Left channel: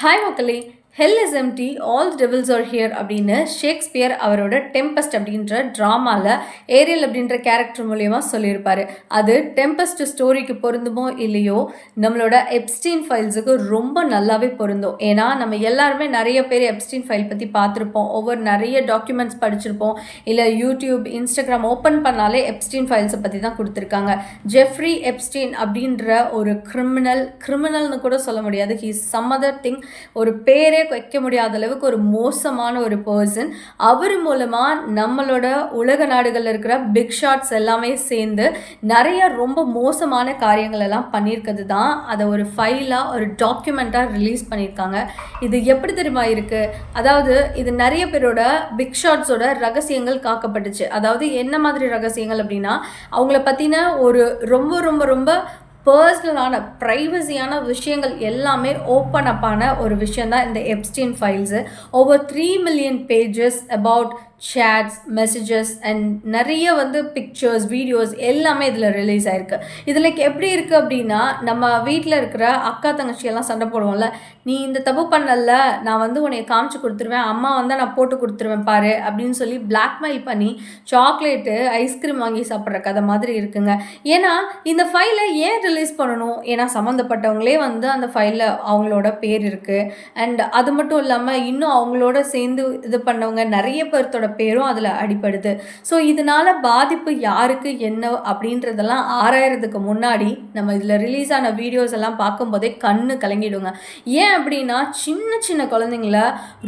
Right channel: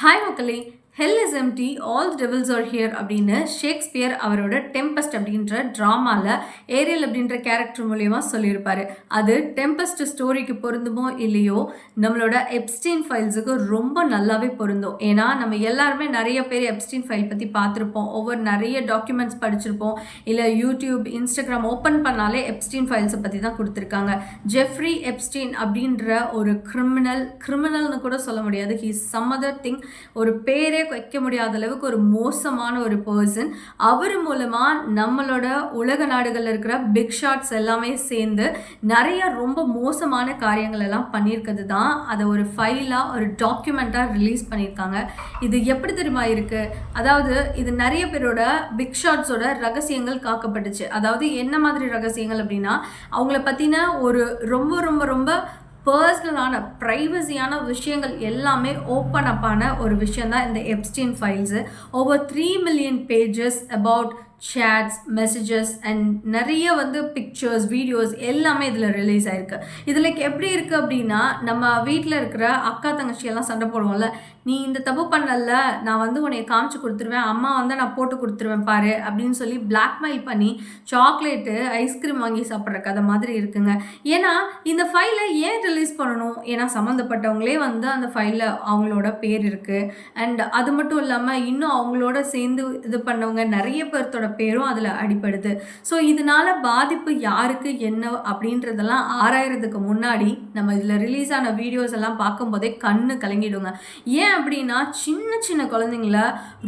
Hi மக்களே, hell is empty all devils are here அப்படின்னு Shakespeare அவரோட டெம்பஸ்ட் அப்படின்ற ட்ராமாவில் ஏரியல் அப்படின்ற கேரக்டர் மூலியமாக சொல்லியிருப்பாரு. அது டெம்பஸ்ட் ஸ்டோரிக்கு பொருந்துமோ இல்லையோ, நம்மளோட எப்ஸ்டீன் ஃபைல்ஸுக்கு ரொம்ப நல்லாவே பொருந்தும். ஏன்னா நம்ம எல்லாருமே நிறைய பேர் எப்ஸ்டீன் ஃபைல் பற்றி பார்த்துருப்போம், ஒவ்வொரு நிறைய டாக்குமெண்ட்ஸ் படிச்சிருப்போம், இல்லை யூடியூப் இன்ஸ்டாகிராம் ஓப்பன் பண்ணாலே எப்ஸ்டீன் ஃபைல்ஸை பற்றி தான் கொடுத்துருக்காங்க. ஜெஃப்ரி எப்ஸ்டீன் அப்படின்ற ஒரு கிரிமினல்னு கூட சொல்ல முடியாது, he is some other thing. ஒரு பேரே வைக்க முடியாத அளவுக்கு ஒரு மோசமான ஒரு பர்சன். அவர் மூலமாக நம்மளோட உலக நாடுகளில் இருக்கிற பிக் ஷாட்ஸ் எல்லாமே சேர்ந்து நிறைய ரொம்ப மோசமான காரியங்கள் எல்லாம் பண்ணியிருக்கிறது தான் அதை ஒரு ஃபைலாக ஒரு டாக்குமெண்ட்டாக ரிலீஸ் பண்ணியிருக்காங்க. இது எப்படி தெரியுமா இருக்குது? அதாவது இது நிறைய பேரோட பிக் ஷாட்ஸோட ரகசியங்கள் காக்கப்பட்டுச்சு. அதாவது என்ன மாதிரி ரகசியங்கள் அப்படின்னா, அவங்கள பற்றின ஒரு ரொம்ப ரொம்ப ரொம்ப பர்சனலான ப்ரைவசியான விஷயங்கள் எல்லாமே ஓப்பன் அப்பான ஒரு விஷயம் தான் இந்த Epstein files. Over 3 million pages about shades, messages and நிறைய பிக்சர்ஸ், வீடியோஸ் எல்லாமே இதில் ரிலீஸ் ஆகிருக்கு. இதில் எப்படி இருக்குது அப்படின்னா, நம்ம வீட்டில் இருக்கிற அக்கா தங்கச்சியெல்லாம் சண்டை போடுவோம்ல, நீ இந்த தப்பு பண்ணல, நான் உன்னை காமிச்சு கொடுத்துருவேன், அம்மா நான் போட்டு கொடுத்துருவேன் பாரு அப்படின்னு சொல்லி பிளாக்மெயில் பண்ணி சாக்லேட்டு ஐஸ்கிரீம் வாங்கி சாப்பிட்ற கதை மாதிரி இருக்குங்க. ஏன்னா இந்த ஃபைலை ஏன் ரிலீஸ் பண்ணணும்? ஏன்னா சம்மந்தப்பட்டவங்களே அந்த ஃபைலில் அவங்களோட பேர் இருக்குது. அண்ட் அது மட்டும் இல்லாமல் இன்னும் அவங்களோட சேர்ந்து இது பண்ணவங்க நிறைய பேர்த்தோட பேரும் அதில் அடிப்படுது. ஸோ இதனால் பாதிப்பு யாருக்கு என்ன அப்படின்றதெல்லாம் ஆராயறதுக்கு முன்னாடி நம்ம இதில் ரிலீஸ் ஆன வீடியோஸ் எல்லாம் பார்க்கும்போதே கண்ணு கலங்கிடுங்க. ஏன் அப்படின்னா, சின்ன சின்ன குழந்தைங்கள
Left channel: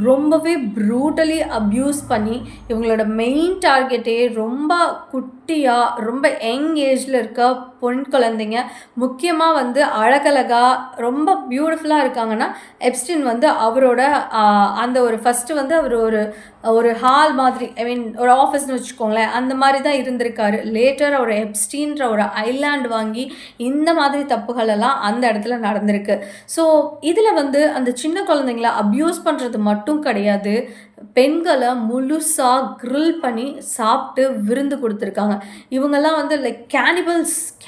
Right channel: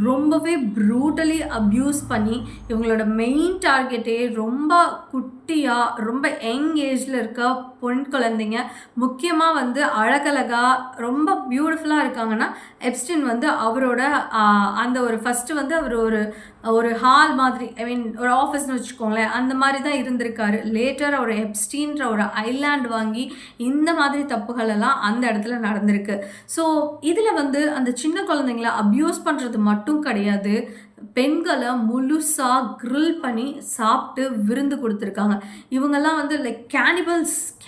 ரொம்பவே ப்ரூட்டலி அப்யூஸ் பண்ணி இவங்களோட மெயின் டார்கெட்டே ரொம்ப குட்டியாக ரொம்ப யங் ஏஜில் இருக்க பொன் குழந்தைங்க, முக்கியமாக அழகழகாக ரொம்ப பியூட்டிஃபுல்லாக இருக்காங்கன்னா, எப்ஸ்டீன் அவரோட அந்த ஒரு ஃபஸ்ட்டு அவர் ஒரு ஹால் மாதிரி, ஐ மீன் ஒரு ஆஃபீஸ்னு வச்சுக்கோங்களேன், அந்த மாதிரி தான் இருந்திருக்காரு. லேட்டர் ஒரு எப்ஸ்டீன்ற ஒரு ஐலாண்ட் வாங்கி இந்த மாதிரி தப்புகள் எல்லாம் அந்த இடத்துல நடந்திருக்கு. ஸோ இதில் அந்த சின்ன குழந்தைங்கள அப்யூஸ் பண்ணுறது மட்டும் கிடையாது, பெண்களை முழுசாக கிரில் பண்ணி சாப்பிட்டு விருந்து கொடுத்துருக்காங்க. இவங்கெல்லாம் லைக்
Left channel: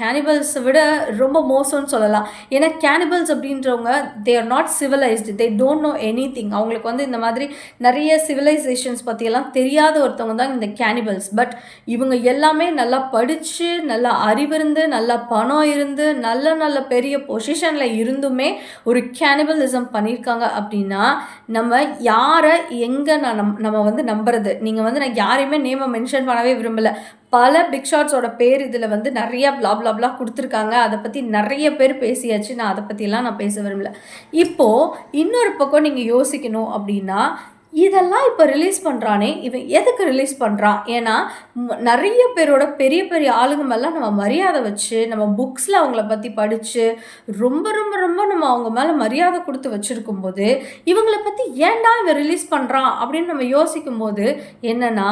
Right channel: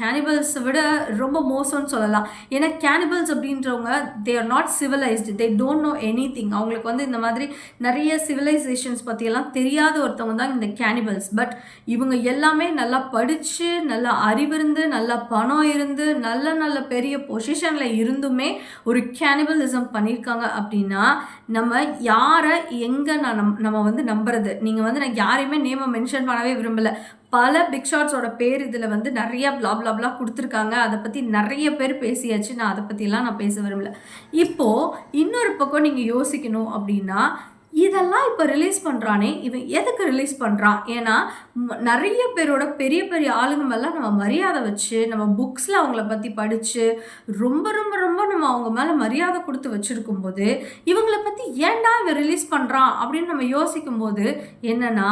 கேனிபல்ஸை விட ரொம்ப மோசம்னு சொல்லலாம். ஏன்னா கேனிபல்ஸ் அப்படின்றவங்க they are not civilised, they don't know any thing. அவங்களுக்கு இந்த மாதிரி நிறைய சிவிலைசேஷன்ஸ் பற்றியெல்லாம் தெரியாத ஒருத்தவங்க தான் இந்த கேனிபல்ஸ். பட் இவங்க எல்லாமே நல்லா படித்து, நல்லா அறிவிருந்து, நல்லா பணம் இருந்து, நல்ல நல்ல பெரிய பொசிஷனில் இருந்துமே ஒரு கேனிபலிசம் பண்ணியிருக்காங்க. அப்படின்னா நம்ம யாரை எங்கே நம்ம நம்புறது? நீங்கள் நான் யாரையுமே நேமை மென்ஷன் பண்ணவே விரும்பலை. பல பிக் ஷாட்ஸோட பேர் இதில் நிறைய பிளா கொடுத்துருக்காங்க. அதை பற்றி நிறைய பேர் பேசியாச்சு. நான் அதை பற்றியெல்லாம் நான் பேச விரும்பலை. இப்போது இன்னொரு பக்கம் நீங்கள் யோசிக்கணும் அப்படின்னா, இதெல்லாம் இப்போ ரிலீஸ் பண்ணுறானே, இவன் எதுக்கு ரிலீஸ் பண்ணுறான்? ஏன்னா நிறைய பேரோட பெரிய பெரிய ஆளுங்க மேலாம் நம்ம மரியாதை வச்சு, நம்ம புக்ஸில் அவங்கள பற்றி படித்து ரொம்ப ரொம்ப ரொம்ப நம்ம அவங்க மேலே மரியாதை கொடுத்து வச்சுருக்கும்போது, இவங்கள பற்றி ஏன்டா இவன் ரிலீஸ் பண்ணுறான் அப்படின்னு நம்ம யோசிக்கும்போது என்னென்னா,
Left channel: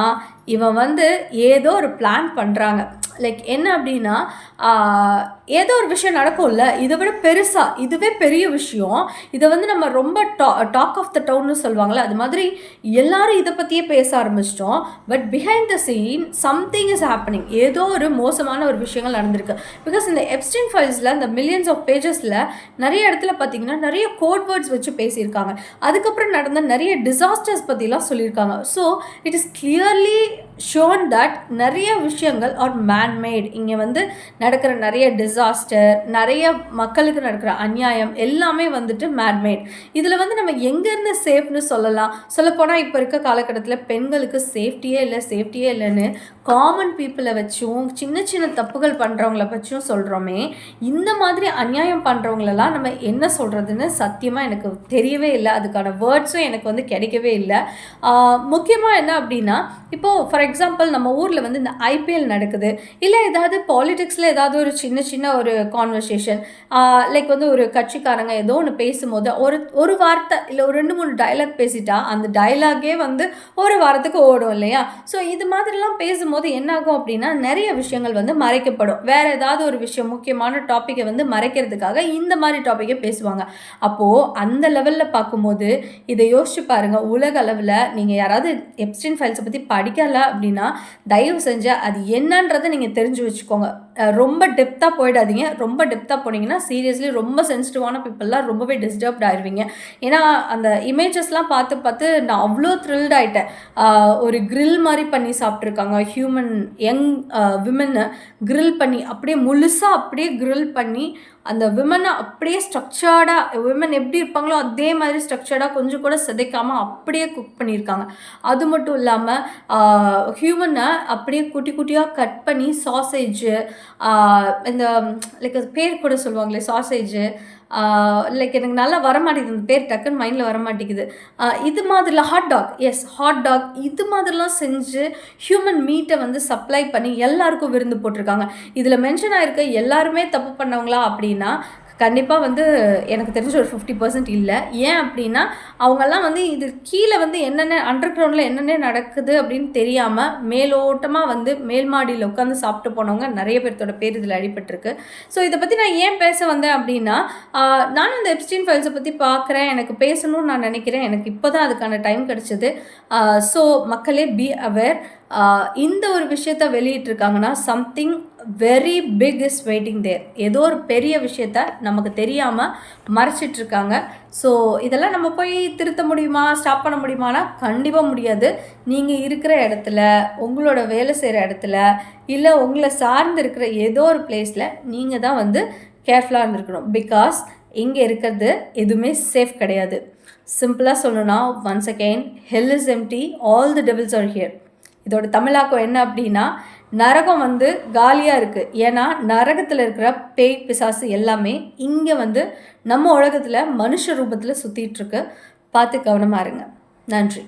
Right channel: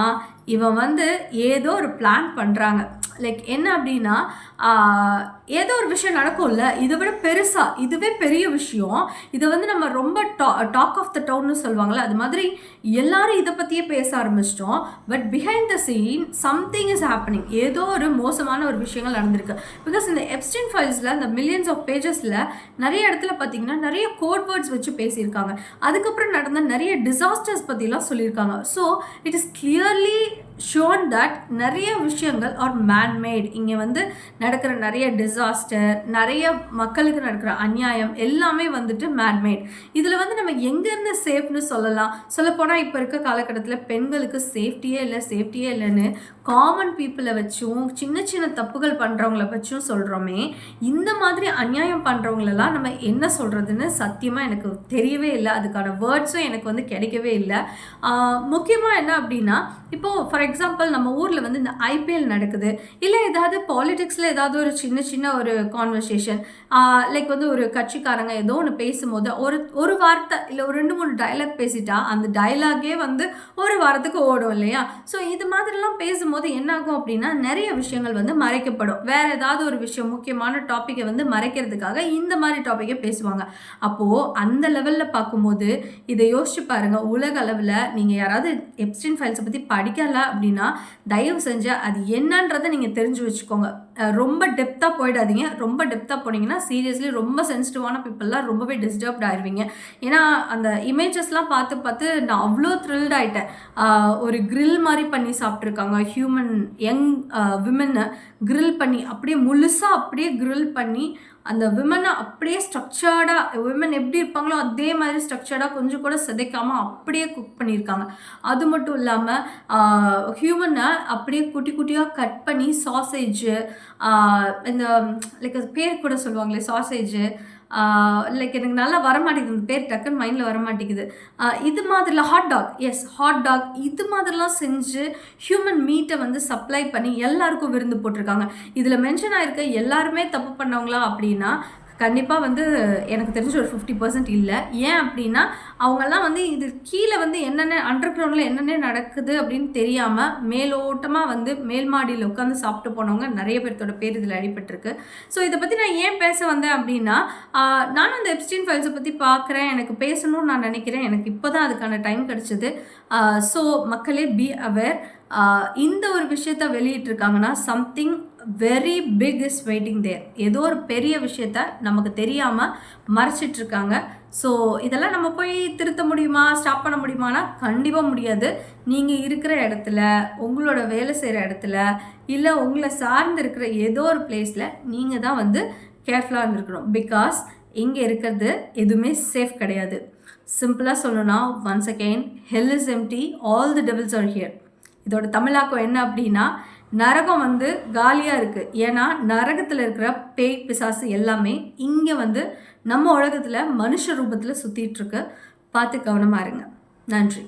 இவன் ஏதோ ஒரு பிளான் பண்ணுறாங்க. லைக் என்ன அப்படின்னா, ஏதோ ஒரு விஷயம் நடக்கும்ல, இதை விட பெருசாக, இதுவே பெரிய விஷயம், இதை நம்ம ரொம்ப டாக் ஆஃப் த டவுன்னு சொல்லுவாங்கள்ல, அது மாதிரி எல்லாரும் இதை பற்றியே பேச ஆரம்பிச்சிட்டோம். But behind the scene something is happening. ஏதோ ஒரு மோசமான ஒரு விஷயங்கள் நடந்திருக்கு. பிகாஸ் இந்த எப்ஸ்டீன் ஃபைல்ஸில் இந்த மில்லியன்ஸ் ஆஃப் பேஜஸில் நிறைய இடத்துல பார்த்தீங்கன்னா நிறைய கோட் வேர்ட்ஸ் வச்சு பேசியிருக்காங்க. அதுக்கப்புறம் நடந்த நிறைய டிசாஸ்டர்ஸ் பற்றிலாம் சொல்லியிருக்காங்க. So it is clearly shown that நிறைய விஷயங்கள் ஆர் மேன்மேட். இங்கே நடக்கிற நிறைய டிசாஸ்டர், நிறைய மக்களுக்கு நடக்கிற அநியாயம் எல்லாமே மேன்மேட். இதில் நம்ம எங்கேருந்து சேஃப்னு சொல்லலாம்? சொல்லப்போனால் இப்போ இருக்க காலகட்டத்தில் பெண்களுக்கு சேஃப்டியே இல்லைன்னு காமன் பீப்புளை வச்சும் சின்ன சின்ன தப்புகள் பண்ணுறவங்கள வச்சும் சொல்கிறோமே, இந்த மாதிரி அநியாயம் பண்ணுறவங்களெல்லாம் நம்ம என்ன சொல்கிறதுன்னு சத்தியமாக எனக்கு தெரியவே இல்லை. அதுக்கான வேர்ட்ஸும் எனக்கு கிடைக்கவே இல்லை. முக்கியமாக என்ன அப்படின்னா, இப்போது ஃபார் எக்ஸாம்பிள் நம்ம ஊரில் இந்த ஐபிஎல் நடக்குது, இல்லை ஏதாவது பாலிடிக்ஸில் ஏதாவது ஒரு சின்ன ஒரு கான்வர்சேஷன், லைக் ஒரு கட்சிக்காரங்க ஏதோ ஒன்று பேசும்போது ஒரு வார்த்தை இல்லை ஒரு 2-3 டைலாக் பேசிட்டா அந்த டைலாகே ஒரு வாரத்துக்கு ஓடும் இல்லையா? ஸோ இது மாதிரிலாம் பேசும்போது என்னாகும் அப்படின்னா, நிறைய விஷயங்கள் மறைக்கப்படும். வேறு ஏதாவது ஒரு விஷயம் முக்கியமான டாப்பிக்கை மறைக்கிறதுக்காக இந்த மாதிரி டாப்பிக்கை பேசுவாங்க. அப்போது அந்த லெவலில் பார்க்கும்போது இதை யோசிச்சு பாருங்கள். உலக அளவில் நீங்கள் யாராவது எப்ஸ்டீன் ஃபைல்ஸை பற்றி படிக்கலை அப்படின்னா தயவு செஞ்சு அது என்னன்றதை நீங்கள் தெரிஞ்சு வச்சுக்கோங்க. ரொம்ப டெப்த்தாக போயிடாதீங்க. ரொம்ப டெப்த்தாக போனீங்கன்னா சீரியஸ்லி ரொம்ப சென்சிட்டிவான பீப்பிள்லாம் ரொம்பவே டிஸ்டர்ப்ட் ஆயிருவீங்க. ஏன்னா அந்த இமேஜஸ்லாம் பார்த்து பார்த்து நான் அவ்வளோ த்ரில்ட் ஆயிட்டேன். ஒரு கிரில் மாரி பண்ணி சாப்பிட்ருக்காங்க. ஹியூமன் யங் விமன கிரில் பண்ணி அப்படியே முழுசா அப்படியே கிரில் பண்ணி அந்த விமனை அப்படியே ஸ்ட்ரக்சர்டாக விமன் எப்படி இருப்பாங்களோ அதே மாதிரி ஸ்ட்ரக்சர்டாக கொஞ்சம் கூட சிதைக்காமல் அப்படியே குக் பண்ணியிருக்காங்க. அது மட்டும் இல்லாமல் ஹியூமனை அப்படியே குட்டி குட்டியாக கட் பண்ணி சாசேஜு இந்த லைக் அது பேர் கூட சொல்லுவாங்களே சாசேஜு லைக் எனக்கு நல்லா வரமாட்டேங்குது அந்த பேர் டக்குன்னு மைண்டில் வரமாட்டேங்குது. இது மாதிரிலாம் ஹாட் டாக் ஹாட் டாக் இது மாதிரிலாம் செஞ்சு ஹியூமன் மீட்டை வந்து சப்ளை பண்ணி எல்லாருக்கும் விருந்து போட்டிருக்காங்க. இதில் மென்ஷன் ஆகிருக்க எல்லாருமே தப்பு பண்ணவங்களா அப்படின்னா கண்டிப்பாக வந்து எனக்கு தெரிஞ்ச ஒரு 50% இல்லை. ஏன் அப்படின்னா அவங்கெல்லாம் வந்து இது கீழே வந்து என்னென்ன அண்டர் கிரவுண்டில் என்னென்ன நடக்குது அப்படின்னு தெரியாமல் மேலோட்டமாக வந்து மேல் மாடியில் உட்காந்து சாப்பிட்டு போனவங்க நிறைய பேர்த்தோட பேர் இதில் அடிபட்டிருக்கு. ஸோ இதை பற்றி நான் ஏன் பேச வந்தேன் அப்படின்னா நானும் இந்த எப்ஸ்டீன் ஃபைல்ஸை பற்றி பார்க்குறேன், எனக்கு பேசணும்னு நான் நினைக்கிறேன். எனக்கு இப்போ தான் அதுக்கான டைம் கிடச்சிது. ஸோ மக்களே பி அவேர். இந்த ஒரு விஷயத்த வெளியிட்டிருக்காங்கன்னா something very big is waiting there. ஏதோ ஒரு பெரிய விஷயத்த நமக்கு தெரியாமல் மறைச்சிட்ருக்காங்க. ஸோ இதெல்லாம் நம்ம போய் திருத்த முடியுமா, ஸ்டாப் பண்ண முடியுமானா கண்டிப்பாக முடியாது. நீங்கள் இருக்கிற இடத்துல, உங்களோட வேலை செய்கிற இடத்துல, இல்லை உங்களை சார்ந்து இருக்கிற ஏதோ ஒரு பிளேஸில் நீங்கள் தான் வந்து கேர்ஃபுல்லாக இருந்திருக்கணும். பிகாஸ் இங்கே இருக்கிறது எதுவுமே சேஃப் கிடையாது. சிம்பிளாக சொல்லணும்னா once again hell is empty, all the devils are here. இதோட தமிழாக்கம் என்ன அப்படின்னா நரகம் வந்து காலியாக இருக்குது. ஏன்னா நரகத்தில் இருக்கிற பேய் பிசாசு எல்லாமே இங்கே வந்து நம்ம உலகத்தில் மனுஷ ரூபத்தில் சுற்றிட்டுருக்கு. பார்த்து கவனமாக இருங்க. நன்றி.